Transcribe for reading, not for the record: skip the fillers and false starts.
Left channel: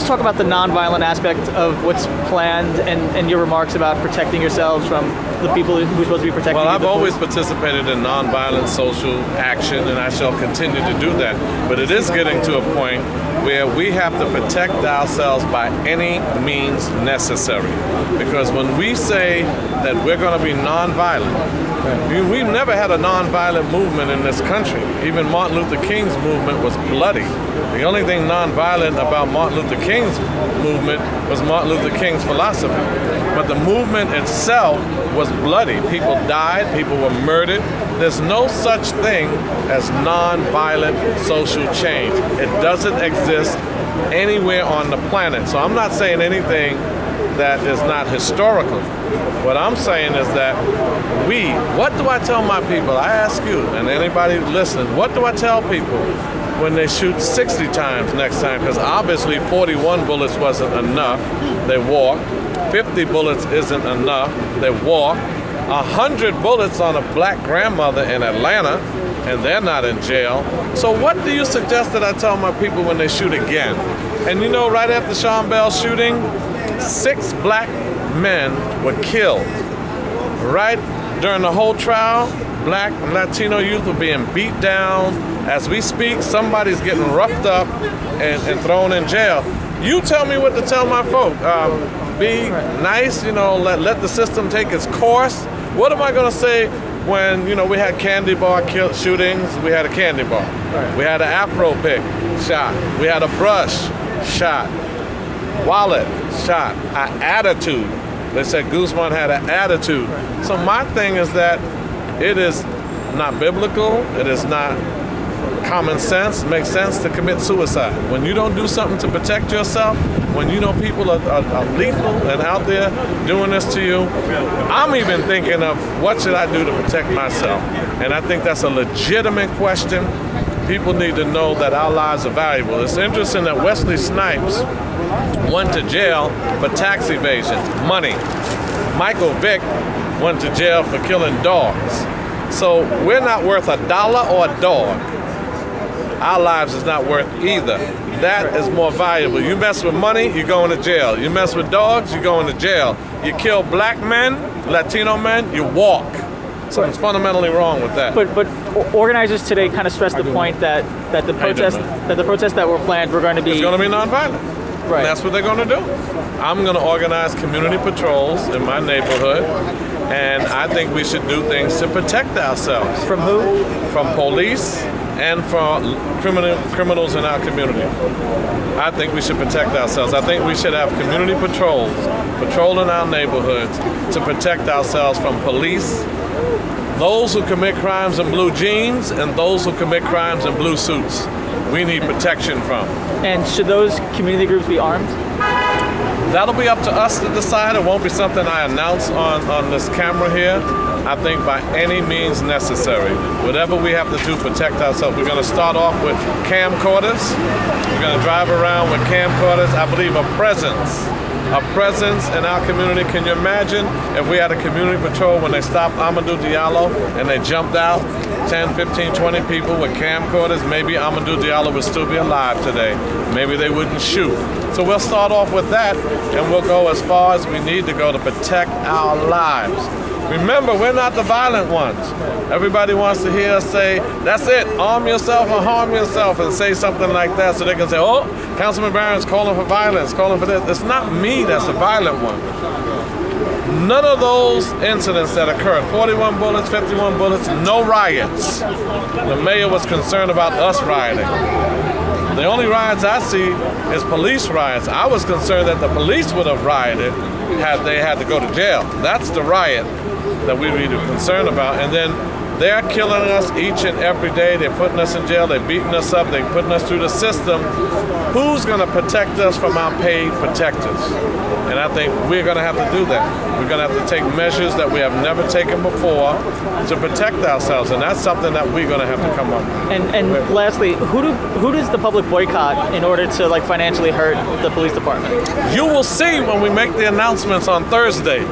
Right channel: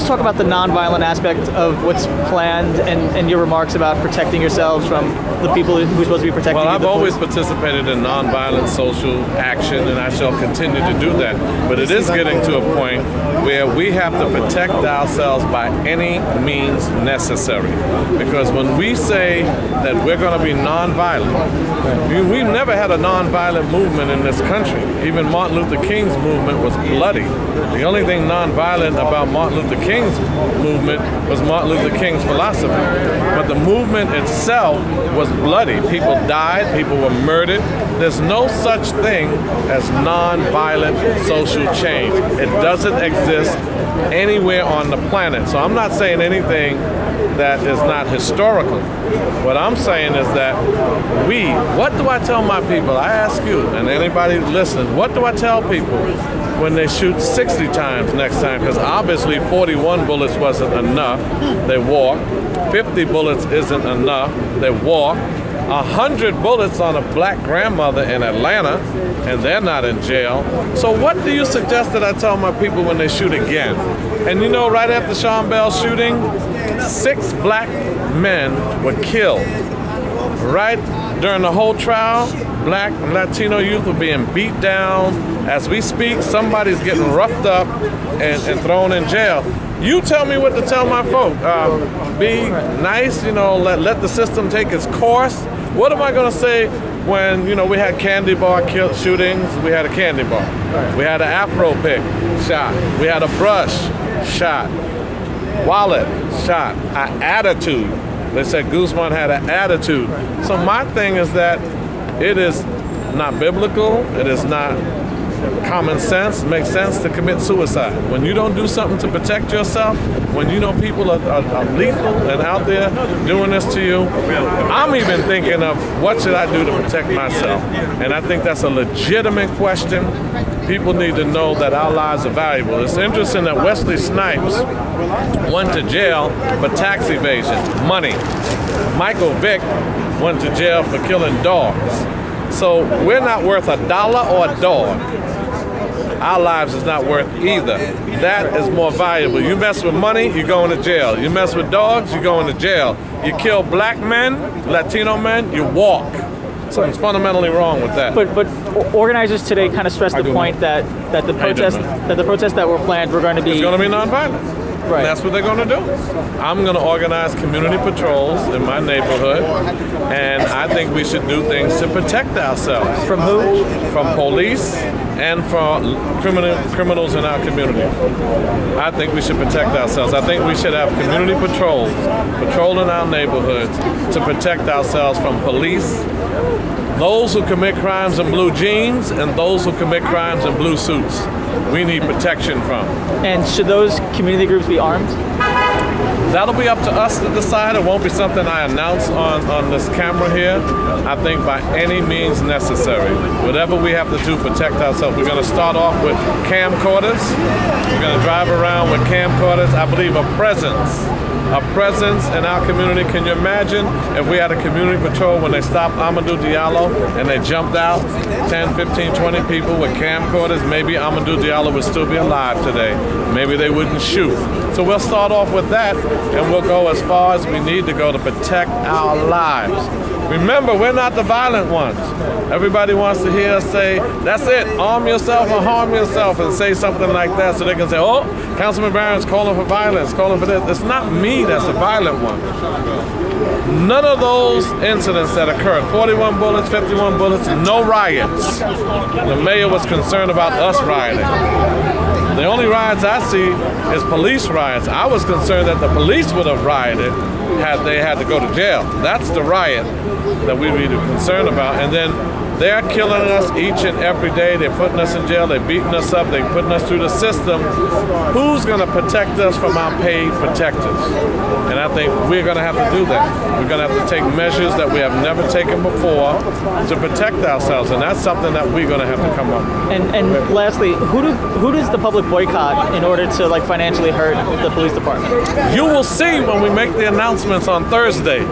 just talk about the nonviolent aspect of what's planned and your remarks about protecting yourselves from the people who are supposed to be protecting you? Well, I've always participated in nonviolent social action, and I shall continue to do that. But it is getting to a point where we have to protect ourselves by any means necessary. Because when we say that we're going to be nonviolent, we've never had a nonviolent movement in this country. Even Martin Luther King's movement was bloody. The only thing nonviolent about Martin Luther King's movement was Martin Luther King's philosophy. But the movement itself was bloody. People died, people were murdered. There's no such thing as nonviolent social change. It doesn't exist anywhere on the planet. So I'm not saying anything that is not historical. What I'm saying is that what do I tell my people? I ask you and anybody listening, what do I tell people when they shoot 60 times next time? Because obviously 41 bullets wasn't enough. They walk. 50 bullets isn't enough. They walk. 100 bullets on a black grandmother in Atlanta, and they're not in jail. So what do you suggest that I tell my people when they shoot again? And you know, right after Sean Bell's shooting, 6 black men were killed. Right during the whole trial, black and Latino youth were being beat down. As we speak, somebody's getting roughed up and thrown in jail. You tell me what to tell my folk. Be nice, you know, let the system take its course. What am I going to say when, you know, we had candy bar shootings? We had a candy bar. We had an Afro pick shot. We had a brush shot. Wallet shot. An attitude. They said Guzman had an attitude. So my thing is that it is not biblical. It is not common sense. It makes sense to commit suicide. When you don't do something to protect yourself, when you know people are lethal and out there doing this to you, I'm even thinking of what should I do to protect myself? And I think that's a legitimate question. People need to know that our lives are valuable. It's interesting that Wesley Snipes went to jail for tax evasion, money. Michael Vick went to jail for killing dogs. So we're not worth $1 or a dog. Our lives is not worth either. That is more valuable. You mess with money, you're going to jail. You mess with dogs, you're going to jail. You kill black men, Latino men, you walk. So it's fundamentally wrong with that. But organizers today kind of stressed the point that the protests that were planned were going to be... It's going to be nonviolent. Right. And that's what they're going to do. I'm going to organize community patrols in my neighborhood, and I think we should do things to protect ourselves. From who? From police and from criminals in our community. I think we should protect ourselves. I think we should have community patrols, patrolling our neighborhoods to protect ourselves from police, those who commit crimes in blue jeans, and those who commit crimes in blue suits. We need protection from. And should those community groups be armed? That'll be up to us to decide. It won't be something I announce on this camera here. I think by any means necessary. Whatever we have to do to protect ourselves. We're going to start off with camcorders. We're going to drive around with camcorders. I believe a presence in our community. Can you imagine if we had a community patrol when they stopped Amadou Diallo and they jumped out 10, 15, 20 people with camcorders? Maybe Amadou Diallo would still be alive today. Maybe they wouldn't shoot. So we'll start off with that, and we'll go as far as we need to go to protect our lives. Remember, we're not the violent ones. Everybody wants to hear us say, that's it, arm yourself or harm yourself, and say something like that so they can say, oh, Councilman Barron's calling for violence, calling for this. It's not me that's the violent one. None of those incidents that occurred, 41 bullets, 51 bullets, no riots. The mayor was concerned about us rioting. The only riots I see is police riots. I was concerned that the police would have rioted had they had to go to jail. That's the riot that we need to be concerned about. And then they're killing us each and every day. They're putting us in jail. They're beating us up. They're putting us through the system. Who's going to protect us from our paid protectors? And I think we're going to have to do that. We're going to have to take measures that we have never taken before to protect ourselves. And that's something that we're going to have to come up with. And lastly, who does the public boycott in order to financially hurt the police department? You will see when we make the announcements on Thursday.